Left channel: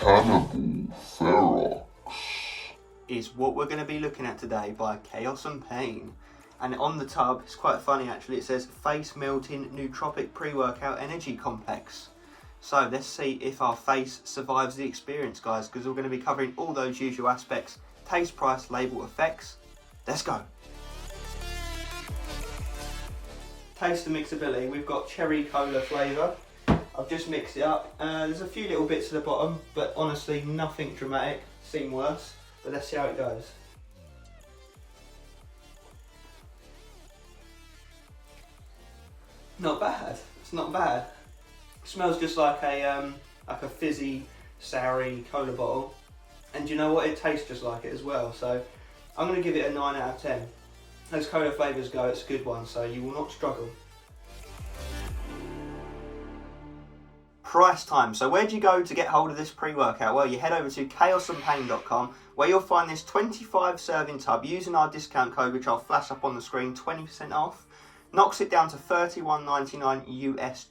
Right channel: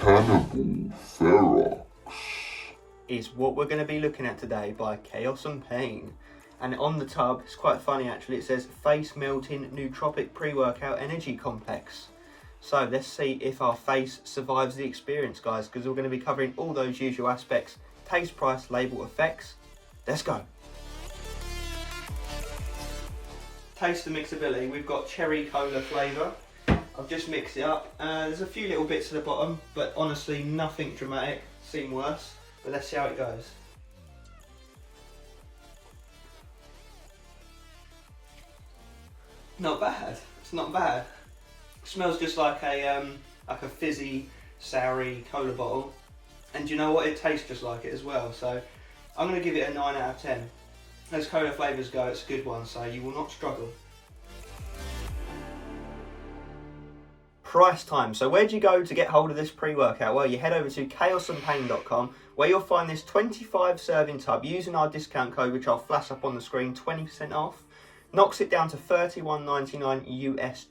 Cannibal Ferox is what we're going to be looking at today by Chaos and Pain. And on the tub, it's quite funny actually, it says face melting nootropic pre-workout energy complex. So let's see if our face survives the experience, guys, because we're going to be covering all those usual aspects: taste, price, label, effects. Let's go. Taste and mixability. We've got cherry cola flavour. I've just mixed it up. There's a few little bits at the bottom, but honestly nothing dramatic. Seen worse, but let's see how it goes. Not bad. It's not bad. It smells just like a fizzy, soury cola bottle, and you know what? It tastes just like it as well. So I'm going to give it a 9 out of 10. As cola flavours go, it's a good one, so you will not struggle. Price time. So where do you go to get hold of this pre-workout? Well, you head over to chaosandpain.com, where you'll find this 25 serving tub using our discount code, which I'll flash up on the screen, 20% off. Knocks it down to $31.99 US.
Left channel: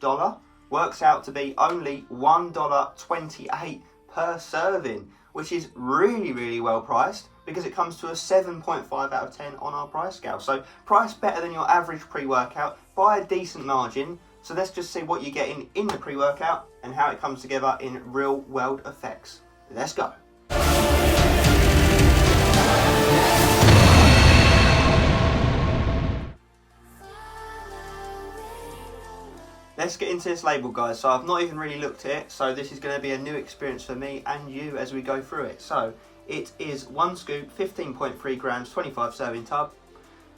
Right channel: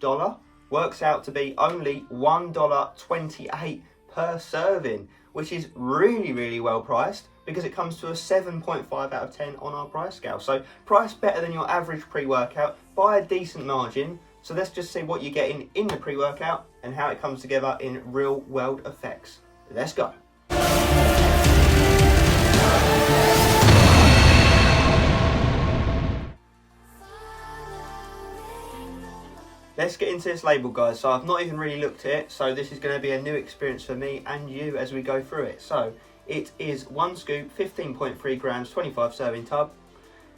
Works out to be only $1.28 per serving, which is really, really well priced, because it comes to a 7.5 out of 10 on our price scale. So price better than your average pre-workout by a decent margin. So let's just see what you're getting in the pre-workout and how it comes together in real world effects. Let's go. Let's get into this label, guys. So I've not even really looked at it, so this is going to be a new experience for me and you as we go through it. So it is 1 scoop, 15.3 grams, 25 serving tub.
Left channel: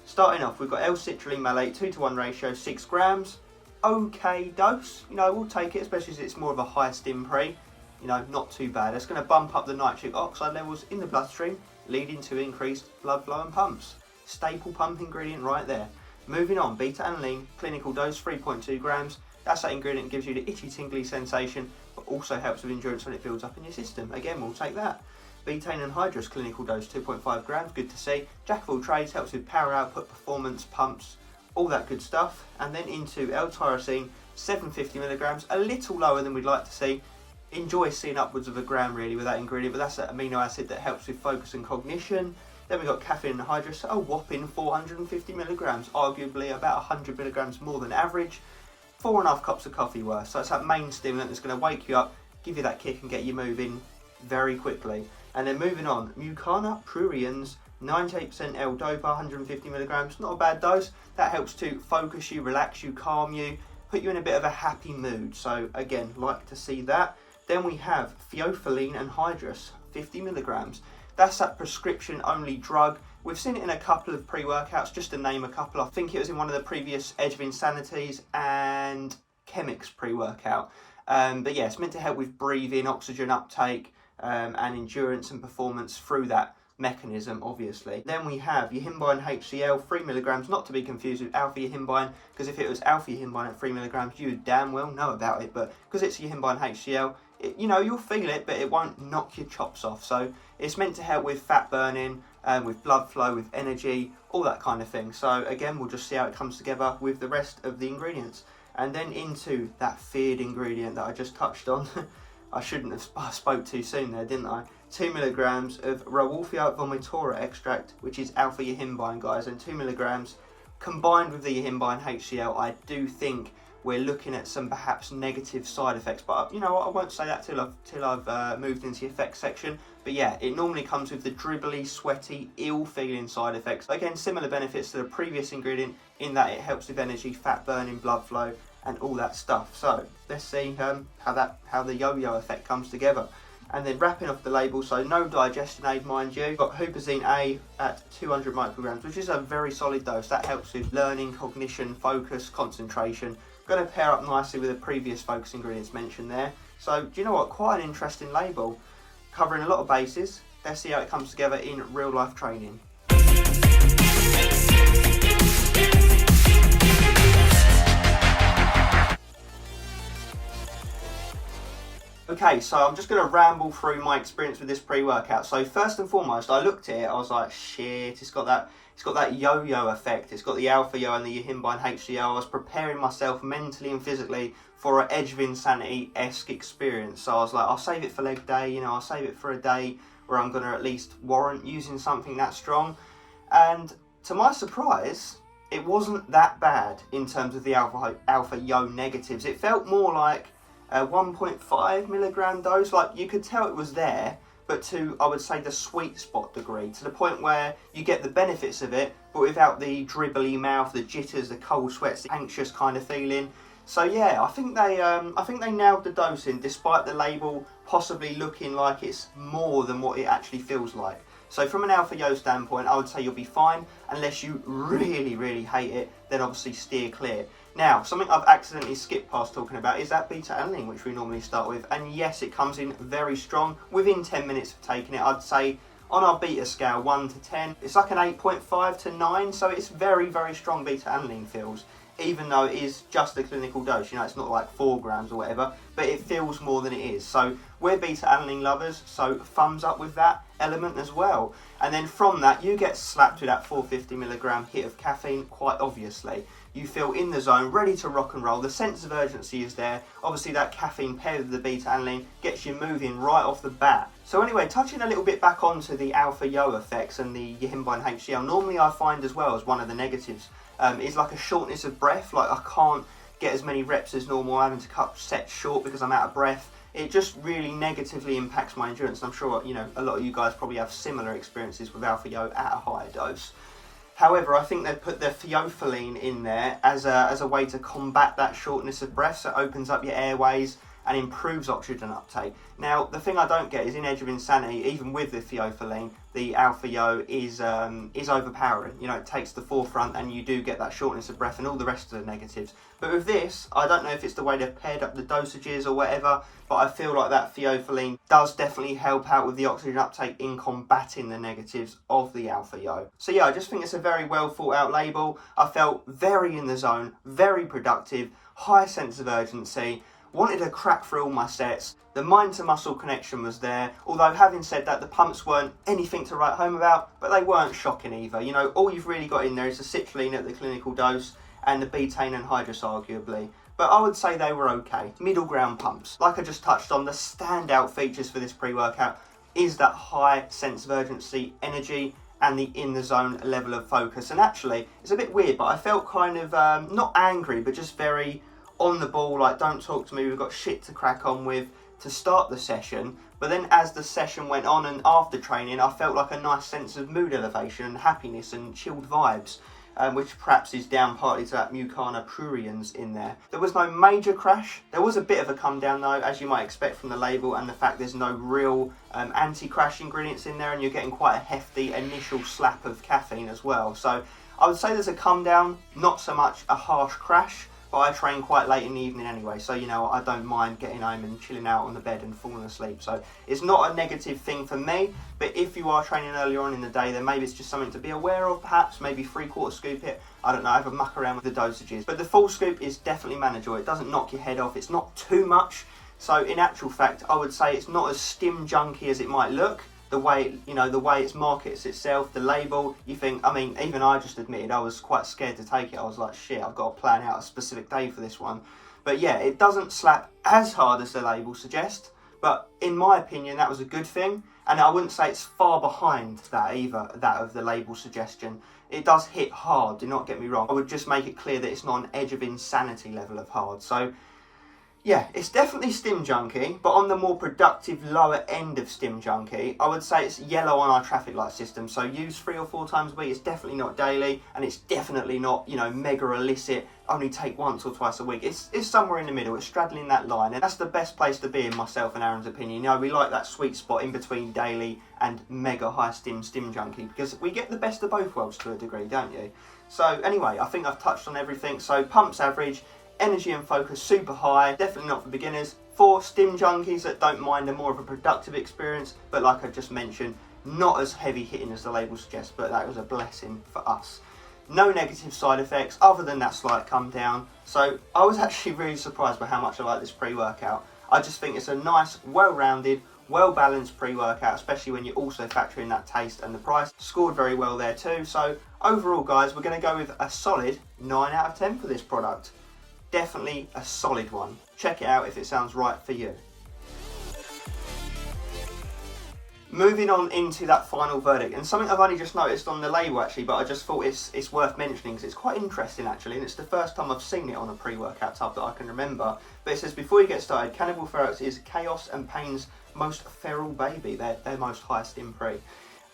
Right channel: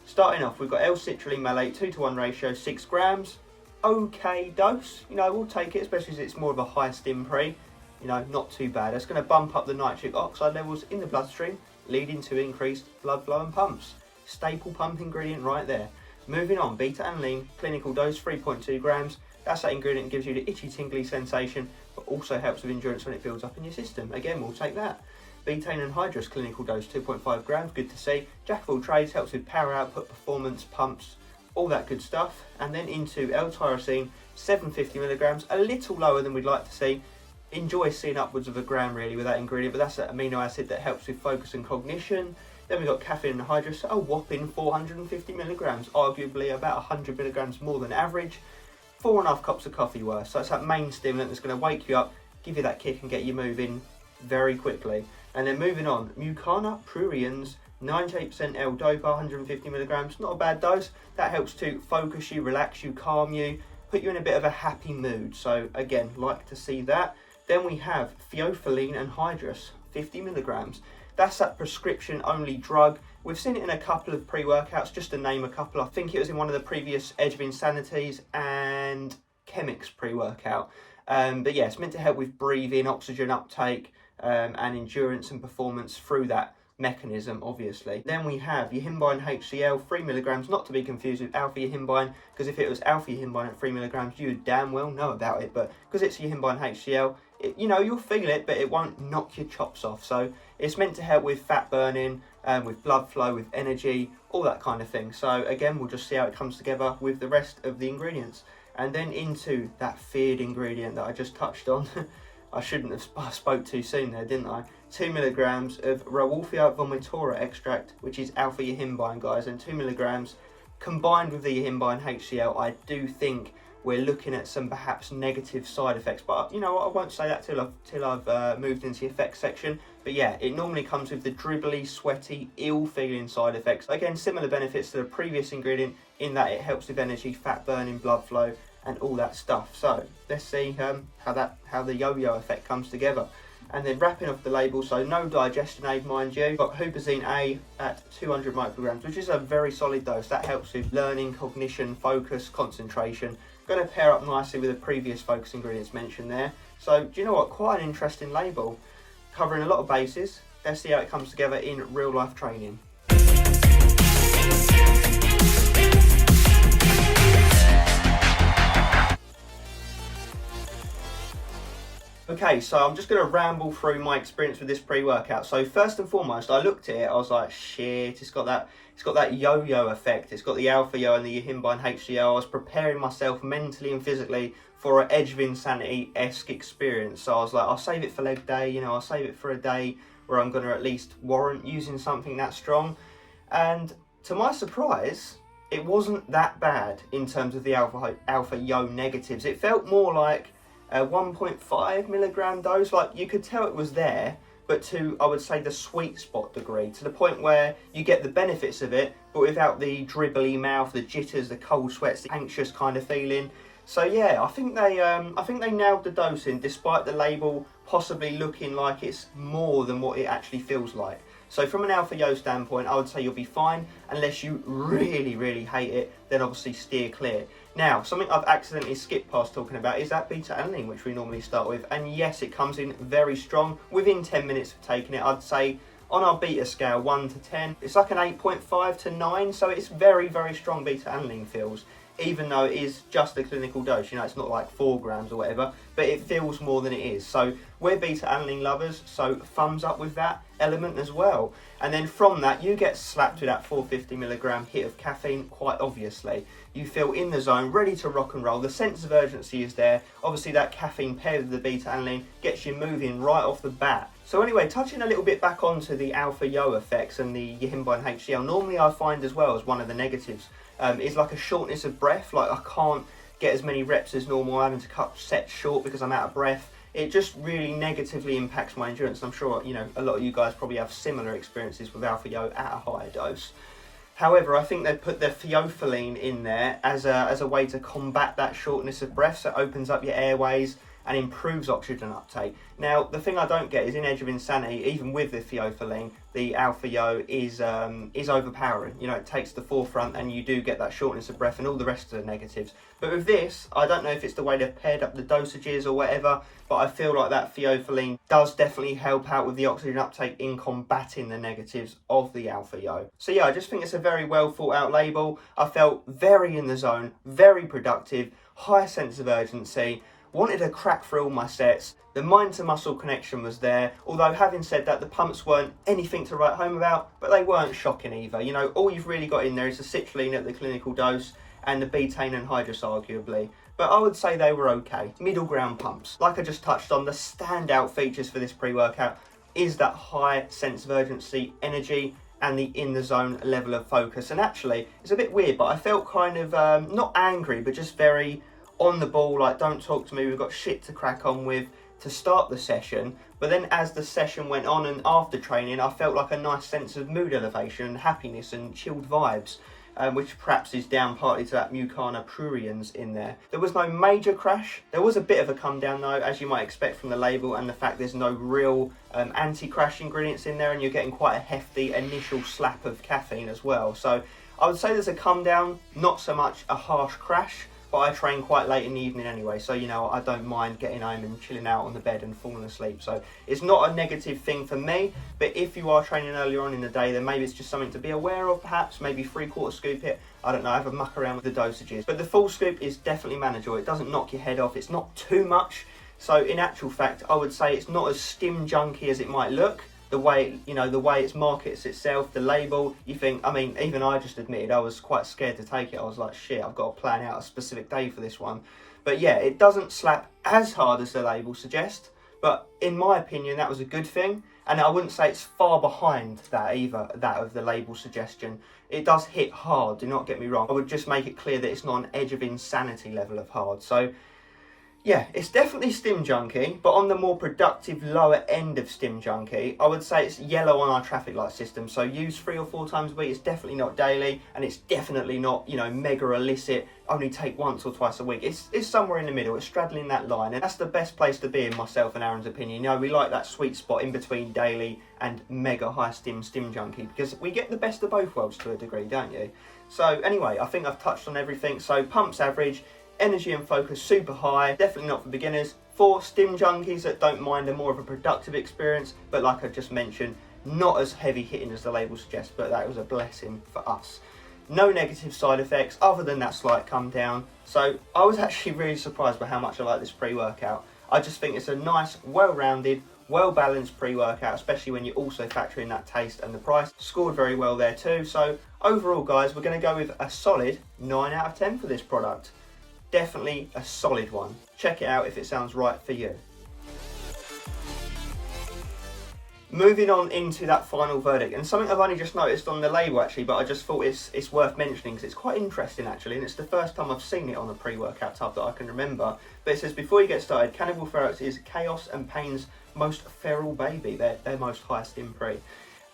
Starting off, we've got L-citrulline malate, 2:1 ratio, 6 grams. Okay dose, you know, we'll take it, especially as it's more of a high stim pre. You know, not too bad. It's going to bump up the nitric oxide levels in the bloodstream, leading to increased blood flow and pumps. Staple pump ingredient right there. Moving on, beta-alanine, clinical dose, 3.2 grams. That's that ingredient that gives you the itchy, tingly sensation, but also helps with endurance when it builds up in your system. Again, we'll take that. Betaine anhydrous, clinical dose, 2.5 grams, good to see. Jack of all trades, helps with power output, performance, pumps, all that good stuff. And then into L-tyrosine, 750 milligrams, a little lower than we'd like to see. Enjoy seeing upwards of a gram really with that ingredient, but that's an amino acid that helps with focus and cognition. Then we've got caffeine anhydrous, a whopping 450 milligrams, arguably about 100 milligrams more than average. 4.5 cups of coffee worth. So it's that main stimulant that's going to wake you up, give you that kick and get you moving very quickly. And then moving on, Mucana pruriens, 98% L-dopa, 150 milligrams, not a bad dose. That helps to focus you, relax you, calm you, put you in a bit of a happy mood. So again, like to see that. Then we have theophylline anhydrous, 50 milligrams. That's that prescription only drug. We've seen it in a couple of pre-workouts, just to name a couple. I think it was in one of the previous Edge of Insanities and Chemix pre-workout. But yeah, it's meant to help with breathing, oxygen uptake, and endurance and performance through that mechanism, obviously. Then we have yohimbine HCl, 3 milligrams, not to be confused with alpha yohimbine, because if it was alpha yohimbine at 3 milligrams, you would damn well know about it. But because it's yohimbine HCl, you know, you'll feel it, but it won't knock your chops off. So it's meant to help with fat burning, with blood flow, with energy, all that kind of thing. So again, we'll just see how it comes together with the rest of the ingredients. And then into that feared ingredient that I just touched on. I shouldn't have spoke too soon there, didn't I? 2 milligrams of Rauwolfia vomitora extract, which is alpha yohimbine, guys, and 2 milligrams combined with the yohimbine HCl. I do think we're looking at some perhaps negative side effects, but you know what, I won't say that till I've moved into the effects section. But yeah, it normally comes with the dribbly, sweaty, ill-feeling side effects. Again, similar benefits to the previous ingredient in that it helps with energy, fat burning, blood flow, and all that stuff. So let's see how the yo-yo effect comes together. And then wrapping off the label, so no digestion aid, mind you. Got huperzine A at 200 micrograms, which is a very solid dose. That helps with learning, cognition, focus, concentration. Going to pair up nicely with the previous focus ingredients mentioned there. So do you know what? Quite an interesting label, covering a lot of bases. Let's see how it comes together in real life training. Okay, so I'm just going to ramble through my experience with this pre-workout. So first and foremost, I looked at it, I was like, shit, it's got that It's got that yo-yo effect. It's got the alpha yo and the Yihimbine HCL. I was preparing myself mentally and physically for an Edge of Insanity-esque experience. So I was like, I'll save it for leg day, you know, I'll save it for a day where I'm going to at least warrant using something that strong. And to my surprise, it wasn't that bad in terms of the alpha yo negatives. It felt more like a 1.5 milligram dose. Like, you could tell it was there, but to, I would say, the sweet spot degree, to the point where you get the benefits of it, but without the dribbly mouth, the jitters, the cold sweats, the anxious kind of feeling. So yeah, I think they nailed the dosing, despite the label possibly looking like it's more than what it actually feels like. So from an alpha yo standpoint, I would say you'll be fine, unless you really, really hate it, then obviously steer clear. Now, something I've accidentally skipped past talking about is that beta-alanine, which we normally start with. And yes, it comes in very strong. Within 10 minutes of taking it, I'd say on our beta scale, 1 to 10, it's like an 8.5 to 9. So it's very, very strong beta-alanine feels, even though it is just a clinical dose. You know, it's not like 4 grams or whatever, but it feels more than it is. So we're beta-alanine lovers, so thumbs up with that element as well. And then from that, you get slapped with that 450 milligram hit of caffeine, quite obviously. You feel in the zone, ready to rock and roll. The sense of urgency is there. Obviously, that caffeine paired with the beta-alanine gets you moving right off the bat. So anyway, touching a little bit back onto the alpha yo effects and the Yihimbine HCL, normally I find as well as one of the negatives is like a shortness of breath. Like, I can't get as many reps as normal. I'm having to cut sets short because I'm out of breath. It just really negatively impacts my endurance. I'm sure, you know, a lot of you guys probably have similar experiences with alpha yo at a higher dose. However, I think they've put the theophylline in there as a way to combat that shortness of breath, so it opens up your airways and improves oxygen uptake. Now, the thing I don't get is in Edge of Insanity, even with the theophylline, the alpha yo is overpowering. You know, it takes the forefront and you do get that shortness of breath and all the rest of the negatives. But with this, I don't know if it's the way they've paired up the dosages or whatever, but I feel like that theophylline does definitely help out with the oxygen uptake in combating the negatives of the alpha yo. So yeah, I just think it's a very well thought out label. I felt very in the zone, very productive, high sense of urgency, wanted to crack through all my sets. The mind to muscle connection was there, although having said that, the pumps weren't anything to write home about, but they weren't shocking either. You know, all you've really got in there is the citrulline at the clinical dose and the betaine anhydrous arguably. But I would say they were okay. Middle ground pumps. Like I just touched on, the standout features for this pre-workout is that high sense of urgency, energy, and the in the zone level of focus. And actually, it's a bit weird, but I felt kind of, not angry, but just very on the ball, like, don't talk to me, we've got shit to crack on with to start the session. But then as the session went on and after training, I felt like a nice sense of mood elevation and happiness and chilled vibes, which perhaps is down partly to that Mucana pruriens in there. There was no major crash. There was a bit of a come down though, as you might expect from the label and the fact there's no real anti-crash ingredients in there, and you're getting quite a hefty initial slap of caffeine as well. So I would say there's a come down, not so much a harsh crash. But I train quite late in the evening anyway, so, you know, I don't mind getting home and chilling out on the bed and falling asleep. So it's not a negative thing for me, but if you are training earlier on in the day, then maybe it's just something to be aware of, perhaps. Maybe 3/4 scoop it. I don't know, have a muck around with the dosages. But the full scoop is definitely manageable. It doesn't knock your head off. It's not too much. So in actual fact, I would say it's not as stim junky as it might look. The way, you know, the way it markets itself, the label, you think, I mean, even I just admitted I was quite scared to take it. I was like, shit, I've got to plan out a specific day for this one. But yeah, it doesn't slap as hard as the label suggests, but in my opinion, that was a good thing. And I wouldn't say it's far behind that either, that of the label suggestion. It does hit hard, do not get me wrong. I would just make it clear that it's not an Edge of Insanity level of hard. So yeah, it's definitely stim junkie, but on the more productive lower end of stim junkie, I would say it's yellow on our traffic light system. So use 3 or 4 times a week. It's definitely not daily, and it's definitely not, you know, mega illicit, only take once or twice a week. It's somewhere in the middle. It's straddling that line, and that's the best place to be in myself and Aaron's opinion. You know, we like that sweet spot in between daily and mega high stim junkie, because we get the best of both worlds to a degree, don't you? So anyway, I think I've touched on everything. So pumps average, energy and focus super high, definitely not for beginners. For stim junkies that don't mind a more of a productive experience, but like I just mentioned, not as heavy hitting as the label suggests, but that was a blessing for us. No negative side effects other than that slight come down. So I was actually really surprised by how much I like this pre-workout. I just think it's a nice, well-rounded, well balanced pre-workout, especially when you also factor in that taste and the price. Scored very well there too. So overall guys, we're going to go with a solid 9 out of 10 for this product. Definitely a solid one. Check it out if it sounds right for you. Moving on into that final verdict, and something I've only just noticed on the label actually, but I just thought it's worth mentioning because it's quite interesting actually, and it's the first time I've seen it on a pre-workout tub that I can remember. But it says, before you get started, Cannibal Ferox is chaos and pain's most feral baby, their most high stim pre,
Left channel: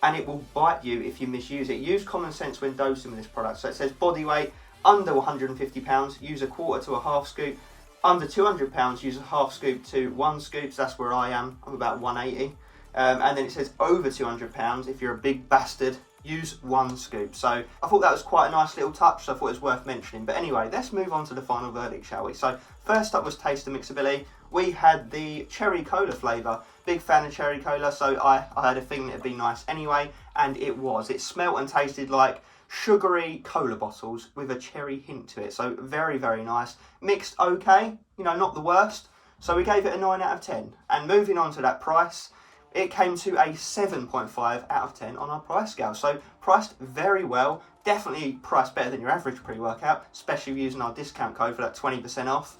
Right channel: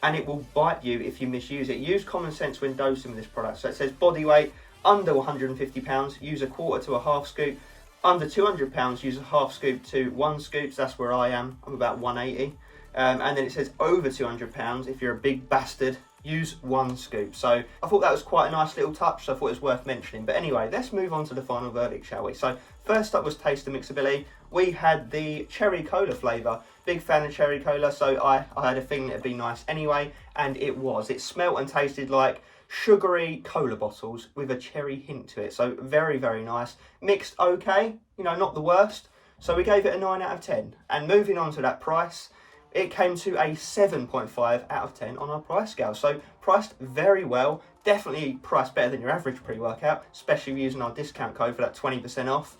and it will bite you if you misuse it. Use common sense when dosing this product. So it says body weight under 150 pounds, use a quarter to a half scoop. Under 200 pounds, use a half scoop to 1 scoop. So that's where I am. I'm about 180. And then it says over 200 pounds, if you're a big bastard, use 1 scoop. So I thought that was quite a nice little touch, so I thought it was worth mentioning. But anyway, let's move on to the final verdict, shall we? So first up was taste and mixability. We had the cherry cola flavour. Big fan of cherry cola, so I had a feeling it'd be nice anyway, and it was. It smelt and tasted like sugary cola bottles with a cherry hint to it. So very, very nice. Mixed okay, you know, not the worst. So we gave it a 9 out of 10. And moving on to that price, it came to a 7.5 out of 10 on our price scale. So priced very well, definitely priced better than your average pre-workout, especially using our discount code for that 20% off.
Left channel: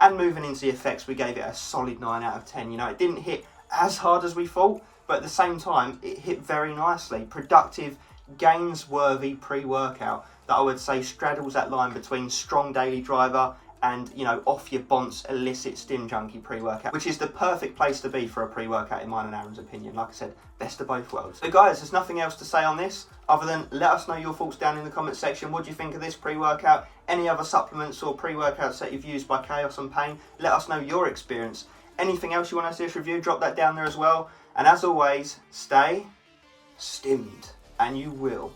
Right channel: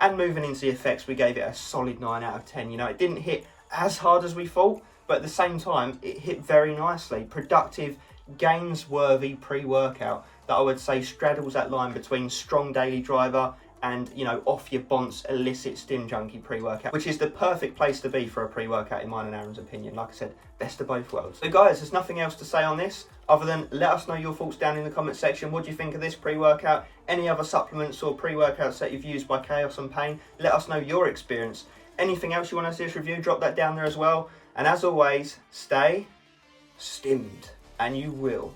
And moving into the effects, we gave it a solid 9 out of 10. You know, it didn't hit as hard as we thought, but at the same time, it hit very nicely. Productive, gains-worthy pre-workout that I would say straddles that line between strong daily driver and, you know, off your bonce illicit stim junkie pre-workout, which is the perfect place to be for a pre-workout in mine and Aaron's opinion. Like I said, best of both worlds. So guys, there's nothing else to say on this other than let us know your thoughts down in the comment section. What do you think of this pre-workout? Any other supplements or pre-workouts that you've used by Chaos and Pain? Let us know your experience. Anything else you want to see us review, drop that down there as well. And as always, stay stimmed, and you will